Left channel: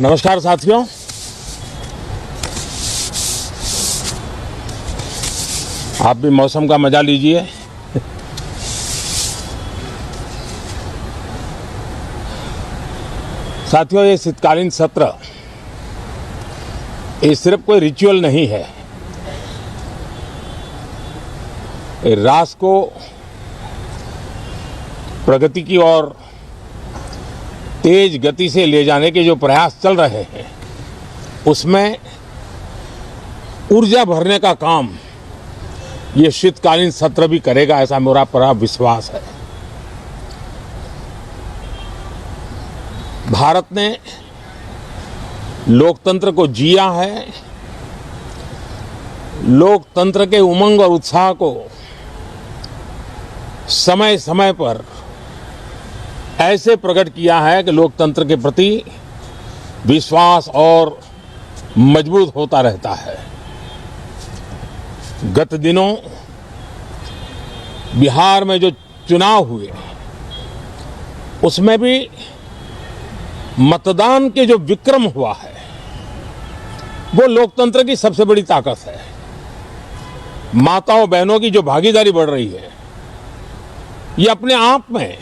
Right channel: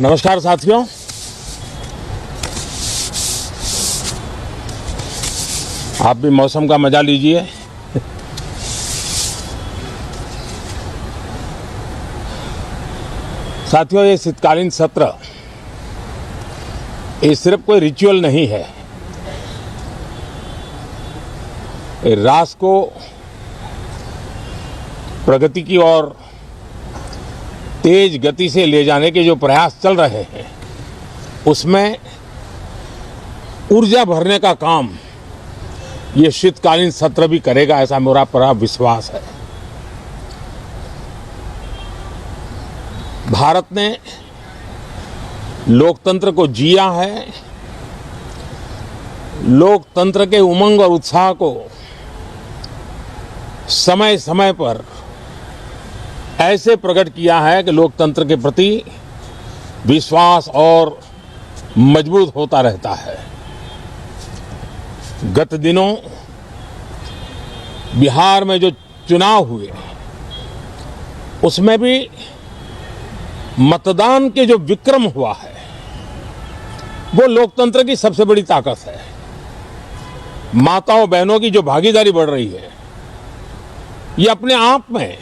नमस्कार साथियों। आप भी मौसम का मजा लीजिए। साथियों, ये शीतकालीन सत्र ये सिर्फ कोई रिचुअल नहीं है। राष्ट्र को प्रगति की ओर तेज गति से ले जाने के जो प्रयास चल रहे हैं, उसमें ऊर्जा भरने का काम ये शीतकालीन सत्र भी करेगा, ऐसा मेरा पूरा विश्वास है। भारत ने लोकतंत्र को जिया है। लोकतंत्र के उमंग और उत्साह को समय समय पर ऐसे प्रकट किया है कि लोकतंत्र के प्रति विश्वास और मजबूत होता रहता है। गत दिनों बिहार में जो चुनाव हुए, उसमें भी मतदान के जो विक्रम हुआ है, वो लोकतंत्र की सबसे बड़ी ताकत है। माताओं बहनों की जो भागीदारी बढ़ रही है, ये अपने आप में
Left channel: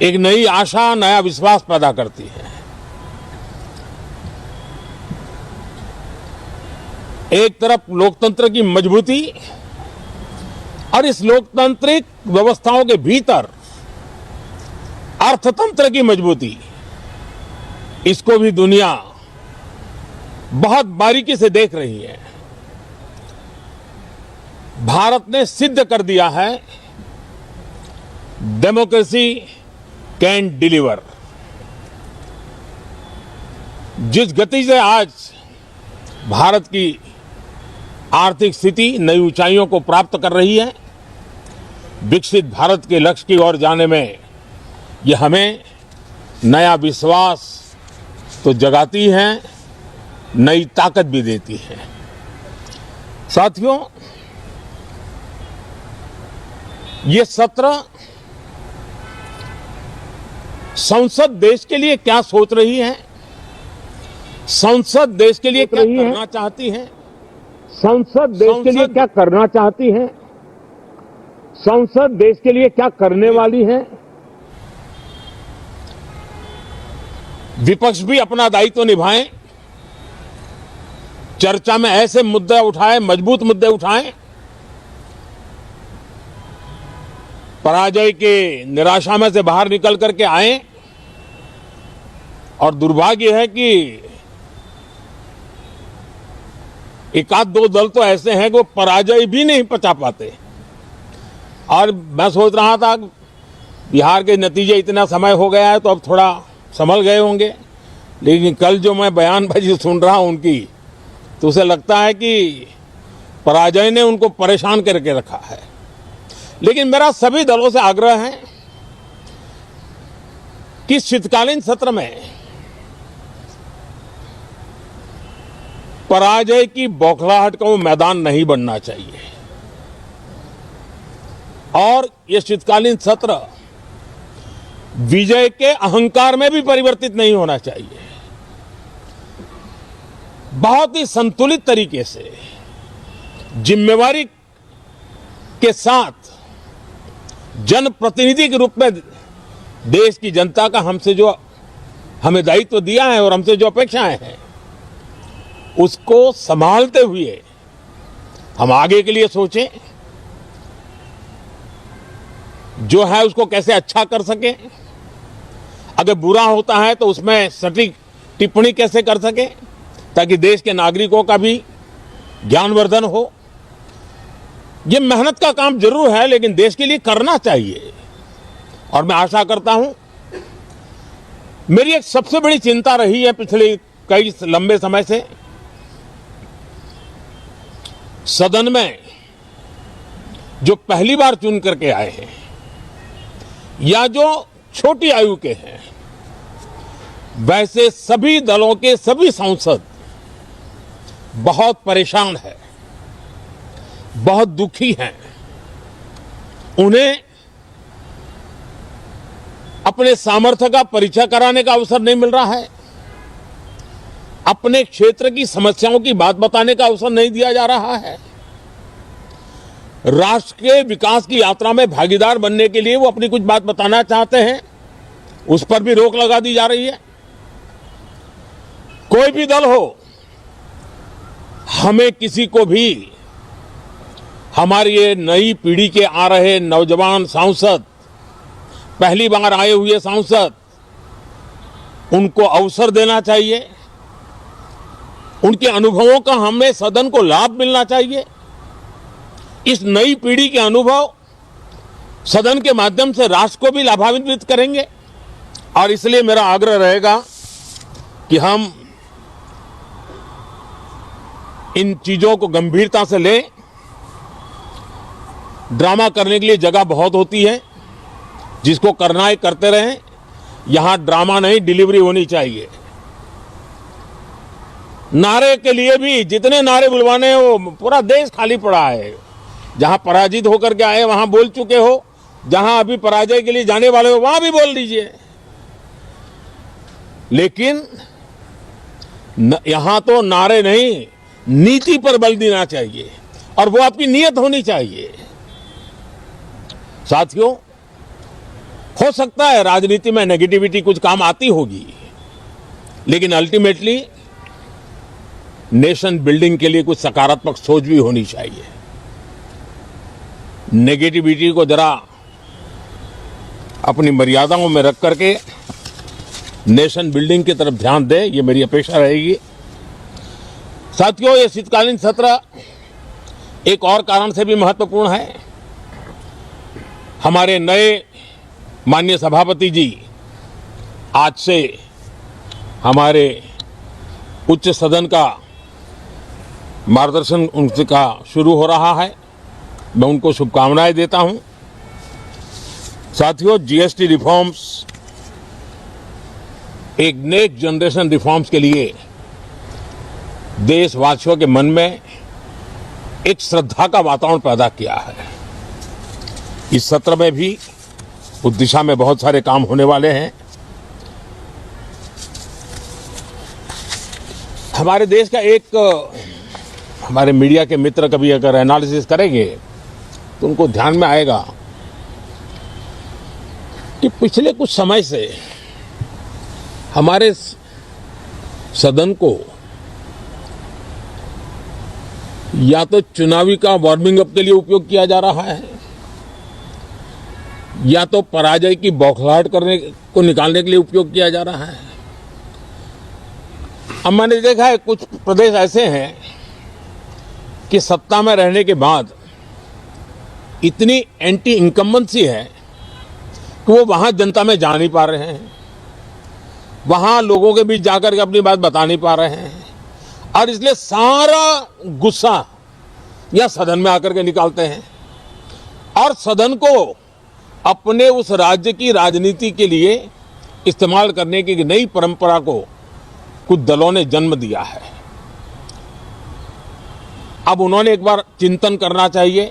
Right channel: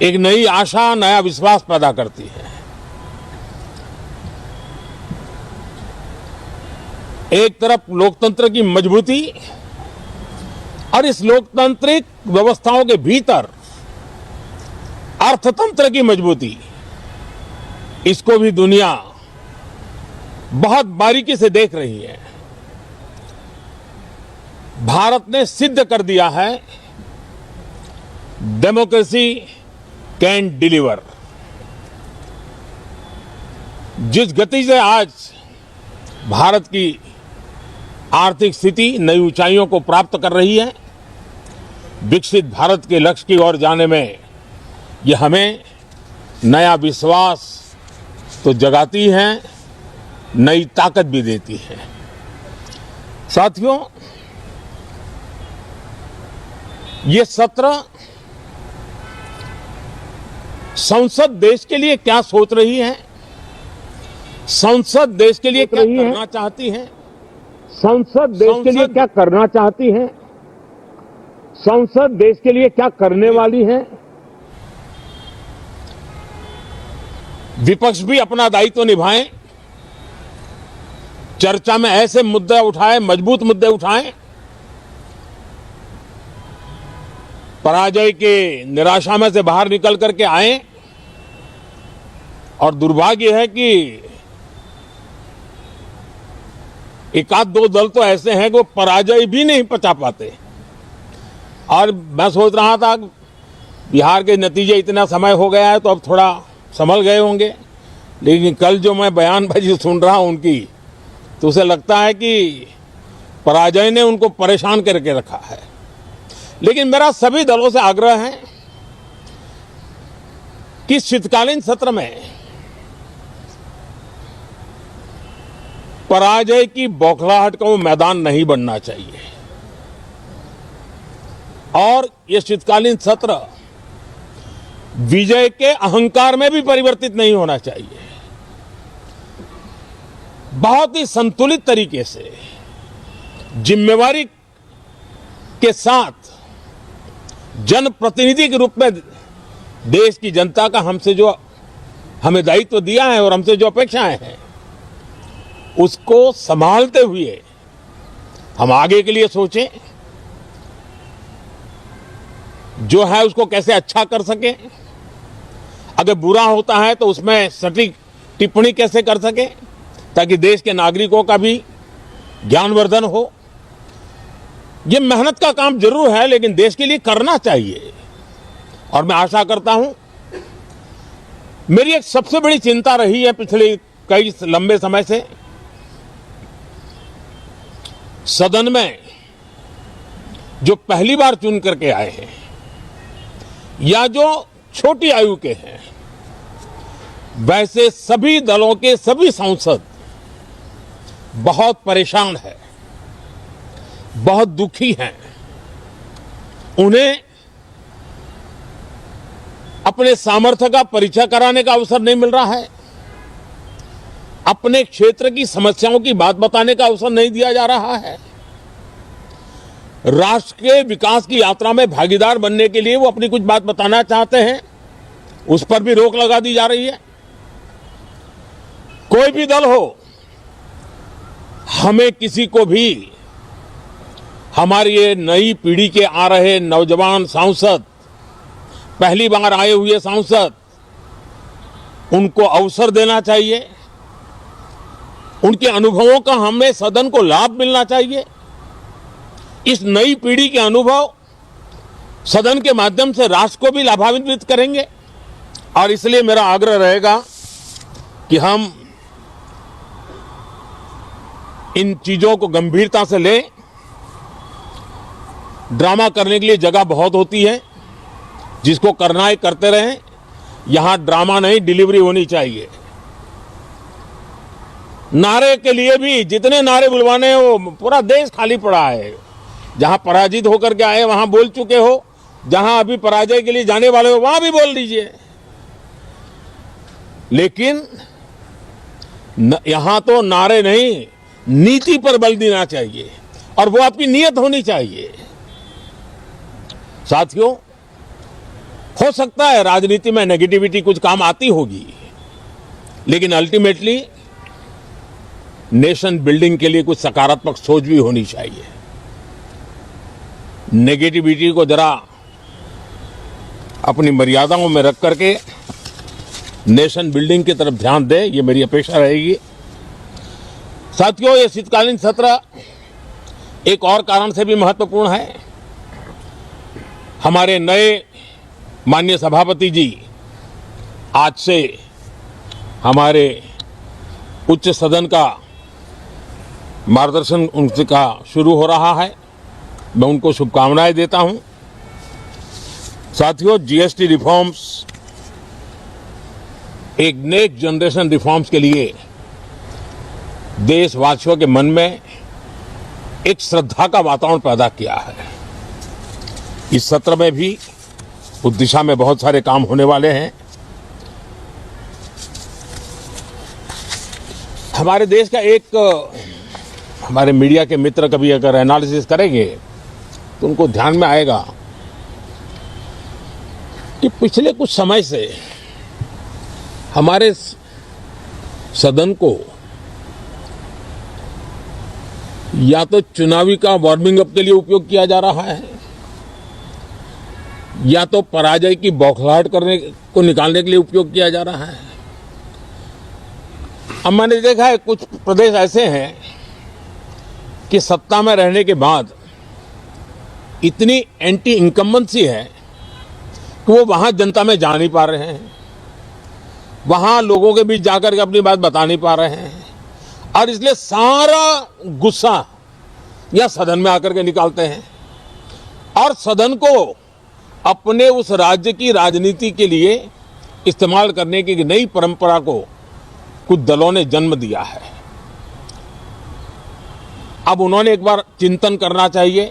एक नई आशा, नया विश्वास पैदा करती है। एक तरफ लोकतंत्र की मजबूती और इस लोकतांत्रिक व्यवस्थाओं के भीतर अर्थतंत्र की मजबूती, इसको भी दुनिया बहुत बारीकी से देख रही है। भारत ने सिद्ध कर दिया है, डेमोक्रेसी कैन डिलीवर। जिस गति से आज भारत की आर्थिक स्थिति नई ऊंचाइयों को प्राप्त कर रही है, विकसित भारत के लक्ष्य की ओर जाने में ये हमें नया विश्वास तो जगाती है, नई ताकत भी देती है। साथियों, ये सत्र संसद देश के लिए क्या सोच रही है, संसद देश के लिए क्या करना चाहती है, संसद देश के लिए क्या करना चाहती है, संसद देश के लिए क्या करने वाली है। विपक्ष भी अपना दायित्व निभाए, चर्चा में ऐसे मुद्दे उठाए, मजबूत मुद्दे उठाए, पराजय के निराशा में से बाहर निकल करके आए। और दुर्भाग्य है कि एक आध दो दल तो ऐसे हैं जो पराजय भी नहीं पचा पाते। और मैं सोच रहा था बिहार के नतीजे इतना समय हो गया है तो अब थोड़ा संभल गए होंगे, लेकिन कल जो मैं बयानबाजी सुन रहा हूं उनकी, तो उसे लगता है कि पराजय ने उनको परेशान करके रखा है। लेकिन मेरा सभी दलों से आग्रह है कि शीतकालीन सत्र में पराजय की बौखलाहट का वो मैदान नहीं बनना चाहिए। और ये शीतकालीन सत्र विजय के अहंकार में भी परिवर्तित नहीं होना चाहिए। बहुत ही संतुलित तरीके से, जिम्मेवारी के साथ, जनप्रतिनिधि के रूप में देश की जनता का हमसे जो हमें दायित्व दिया है और हमसे जो अपेक्षा है, उसको संभालते हुए हम आगे के लिए सोचें, जो है उसको कैसे अच्छा कर सके। अगर बुरा होता है तो उसमें सटीक टिप्पणी कैसे कर सके, ताकि देश के नागरिकों का भी ज्ञानवर्धन हो। ये मेहनत का काम जरूर है, लेकिन देश के लिए करना चाहिए। और मैं आशा करता हूं, मेरी एक सबसे बड़ी चिंता रही है पिछले कई लंबे समय से, सदन में जो पहली बार चुन करके आए हैं या जो छोटी आयु के हैं, वैसे सभी दलों के सभी सांसद बहुत परेशान हैं, बहुत दुखी हैं। उन्हें अपने सामर्थ्य का परिचय कराने का अवसर नहीं मिल रहा है। अपने क्षेत्र की समस्याओं की बात बताने का अवसर नहीं दिया जा रहा है। राष्ट्र के विकास की यात्रा में भागीदार बनने के लिए वो अपनी कुछ बात बताना चाहते हैं, उस पर भी रोक लगा दी जा रही है। कोई भी दल हो, हमें किसी को भी हमारी ये नई पीढ़ी के आ रहे नौजवान सांसद, पहली बार आए हुए सांसद, उनको अवसर देना चाहिए। उनके अनुभवों का हमें सदन को लाभ मिलना चाहिए। इस नई पीढ़ी के अनुभव सदन के माध्यम से राष्ट्र को भी लाभान्वित करेंगे। और इसलिए मेरा आग्रह रहेगा कि हम इन चीजों को गंभीरता से लें। ड्रामा करने के लिए जगह बहुत होती है, जिसको करना है करते रहें। यहां ड्रामा नहीं, डिलीवरी होनी चाहिए। नारे के लिए भी जितने नारे बुलवाने हैं, वो पूरा देश खाली पड़ा है। जहां पराजित होकर के आए वहां बोल चुके हो, जहां अभी पराजय के लिए जाने वाले हो वहां भी बोल दीजिए। लेकिन यहां तो नारे नहीं, नीति पर बल देना चाहिए, और वो आपकी नीयत होनी चाहिए। साथियों, हो सकता है राजनीति में नेगेटिविटी कुछ काम आती होगी, लेकिन अल्टीमेटली नेशन बिल्डिंग के लिए कुछ सकारात्मक सोच भी होनी चाहिए। नेगेटिविटी को जरा अपनी मर्यादाओं में रख करके नेशन बिल्डिंग की तरफ ध्यान दें, ये मेरी अपेक्षा रहेगी। साथियों, ये शीतकालीन सत्र एक और कारण से भी महत्वपूर्ण है। हमारे नए माननीय सभापति जी आज से हमारे उच्च सदन का मार्गदर्शन उनका शुरू हो रहा है। मैं उनको शुभकामनाएं देता हूं। साथियों, जीएसटी रिफॉर्म्स एक नेक्स्ट जनरेशन रिफॉर्म्स के लिए देशवासियों के मन में एक श्रद्धा का वातावरण पैदा किया है। इस सत्र में भी उस दिशा में बहुत सारे काम होने वाले हैं। हमारे देश का एक, हमारे मीडिया के मित्र कभी अगर एनालिसिस करेंगे तो उनको ध्यान में आएगा कि पिछले कुछ समय से हमारे सदन को या तो चुनावी का वार्मिंग अप के लिए उपयोग किया जा रहा है, या तो पराजय की बौखलाहट करने को निकालने के लिए उपयोग किया जा रहा है। अब मैंने देखा है कुछ प्रदेश ऐसे हैं कि सत्ता में रहने के बाद इतनी एंटी इनकम्बेंसी है कि वो वहां जनता में जा नहीं पा रहे हैं, वहां लोगों के बीच जाकर के अपनी बात बता नहीं पा रहे हैं, और इसलिए सारा गुस्सा या सदन में आकर के निकालते हैं, और सदन को अपने उस राज्य की राजनीति के लिए इस्तेमाल करने की नई परंपरा को कुछ दलों ने जन्म दिया है। अब उन्होंने एक बार चिंतन करना चाहिए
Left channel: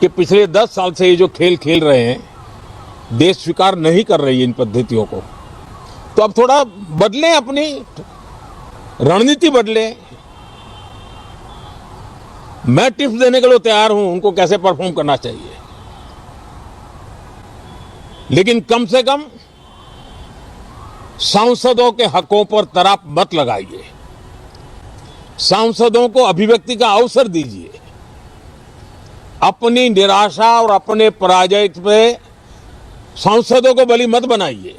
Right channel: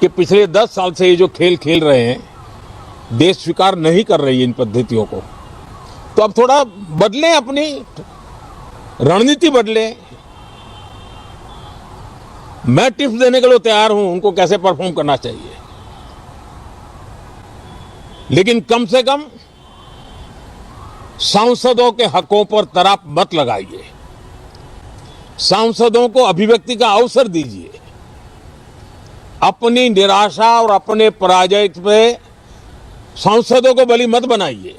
कि पिछले 10 साल से ये जो खेल खेल रहे हैं, देश स्वीकार नहीं कर रही है इन पद्धतियों को, तो अब थोड़ा बदलें, अपनी रणनीति बदलें। मैं टिप्स देने के लिए तैयार हूं उनको कैसे परफॉर्म करना चाहिए, लेकिन कम से कम सांसदों के हकों पर तराप मत लगाइए। सांसदों को अभिव्यक्ति का अवसर दीजिए। अपनी निराशा और अपने पराजय में सांसदों को बलि मत बनाइए।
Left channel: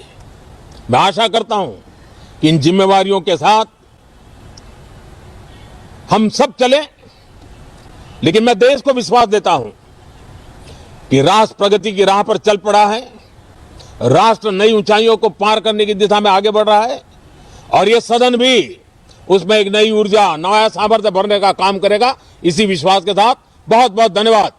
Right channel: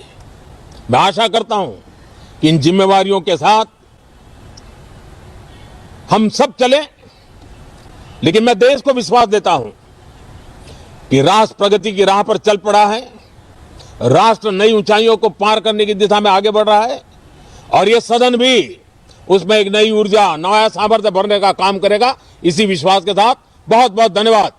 मैं आशा करता हूं कि इन जिम्मेवारियों के साथ हम सब चलें, लेकिन मैं देश को विश्वास देता हूं कि राष्ट्र प्रगति की राह पर चल पड़ा है। राष्ट्र नई ऊंचाइयों को पार करने की दिशा में आगे बढ़ रहा है, और ये सदन भी उसमें एक नई ऊर्जा, नया सामर्थ्य भरने का काम करेगा। इसी विश्वास के साथ बहुत बहुत धन्यवाद।